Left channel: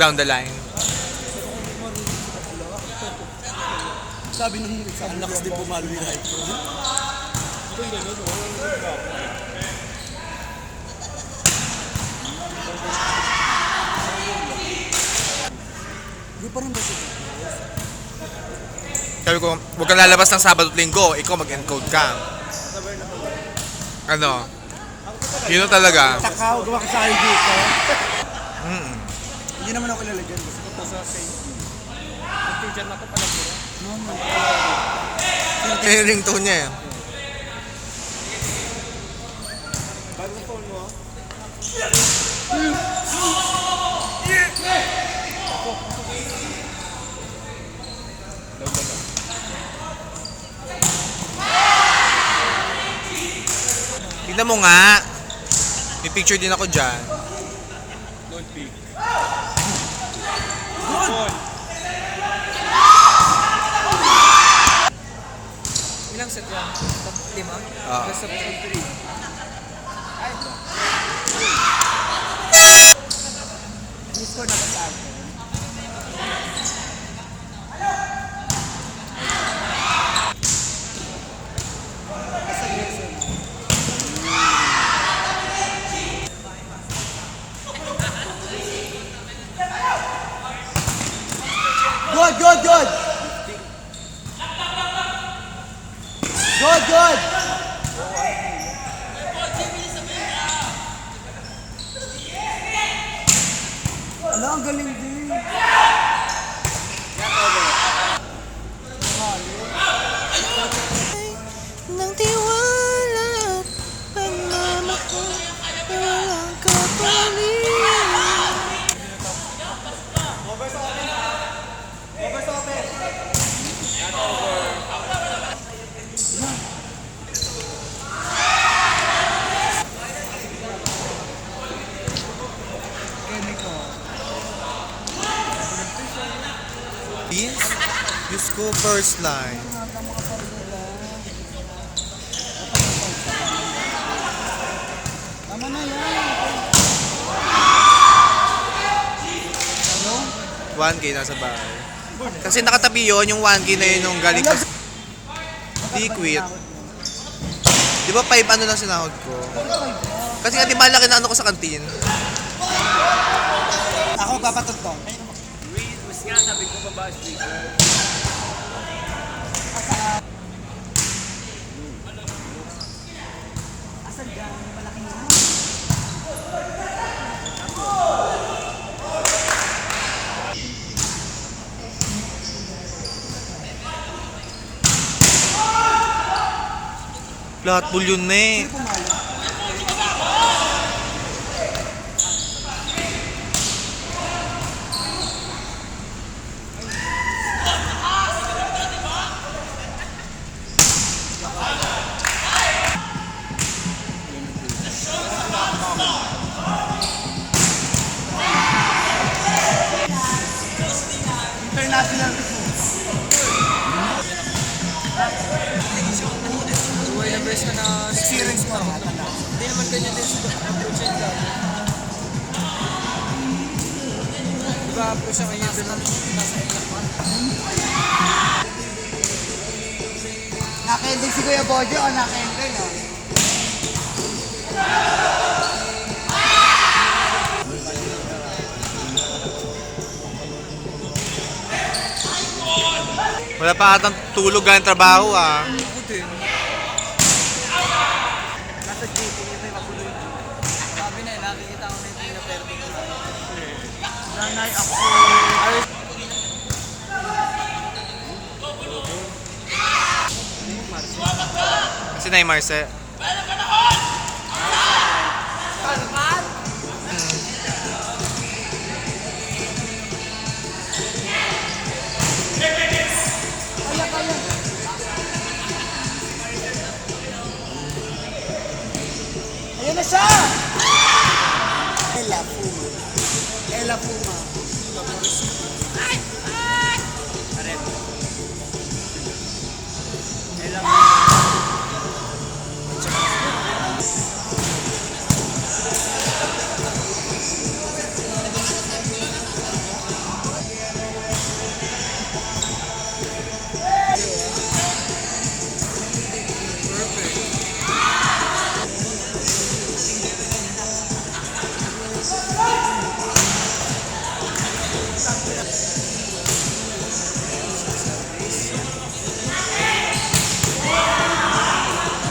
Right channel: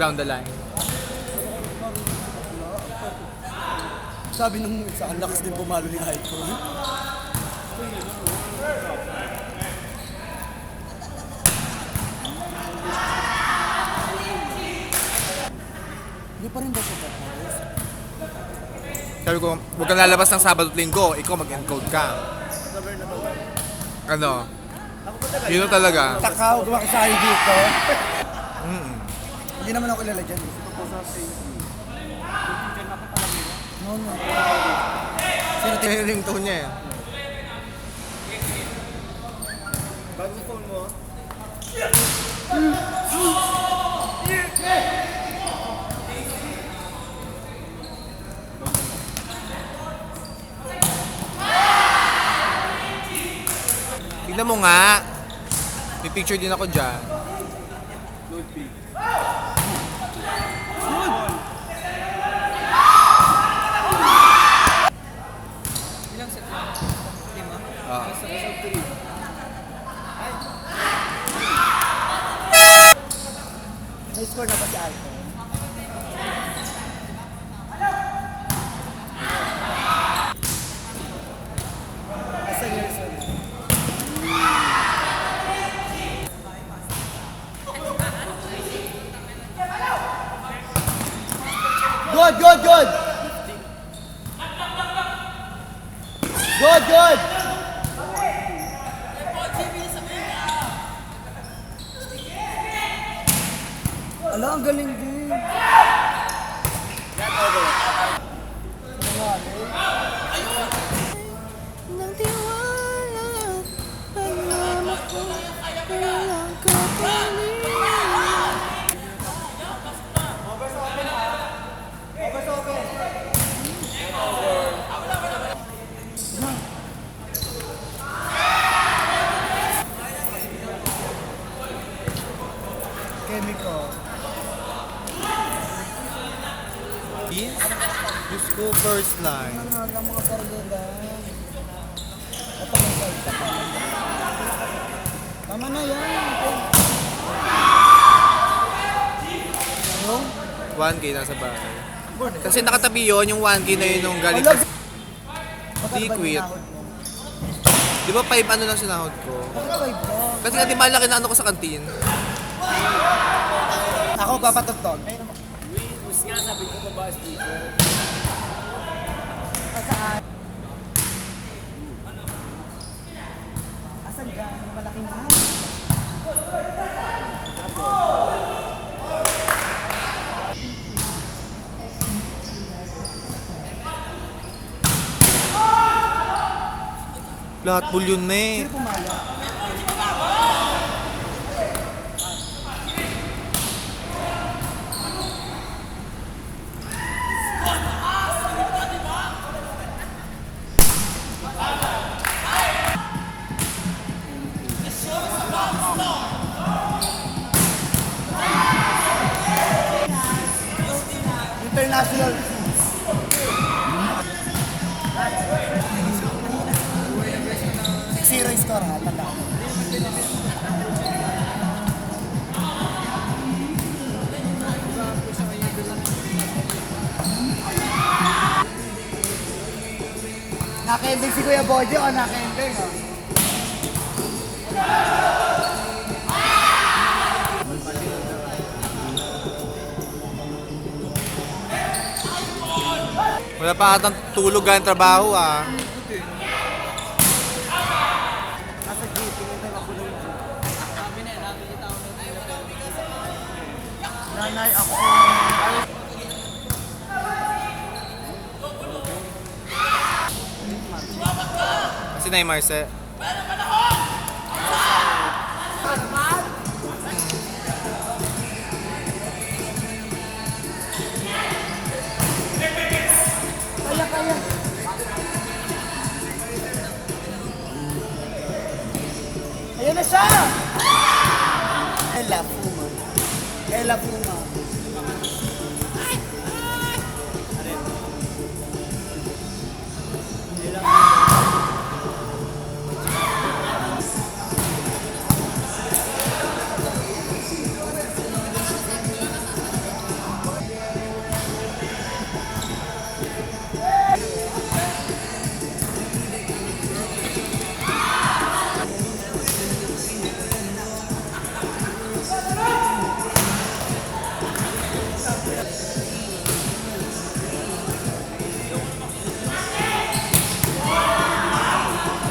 down the line. Sabi nung isa, ang lakas din pumalo ni Raiko. Hindi pa rin ba siya? Sabi ko, huwag kang lalabas ng Sabado at Linggo, ikaw mag-encode ka. Ano? Yun talaga. Takaw, gawa ka sa ID ko. Mm. Hindi naman ako lalagyan. No, no. Yung ringtone niya yan. Bagong phone mo? Tignan mo nga. May picture din ako dyan. Good pick. Ilang set lang? 5? Ah. Best of 3. May score na ba si Alvin? Good, good, good! Good, good! Ala, ang galing din. Nang tiwala at pagmamahal na walang kapalit. Diyos ko, first line. Tama na yan. 1K nasa bahay. Kasi nakatabi yun, yung 1K na yun nung galing ko sa liquid. Di ba 5 ano lang sinahod ko? Kasi nga di malaki na ano ko sa kantin. Ako papatugtog. Mas nga sabi ko babae speaker. Lahat bulyon na eh. International. Series ko ha, tanda. Naka-ending si Kuya Bojo o naka-ending no? Wala pa atang tulog ang trabaho ah. Kasi na yung Marce. Ayan na siya! Ella Puma. Ella Puma.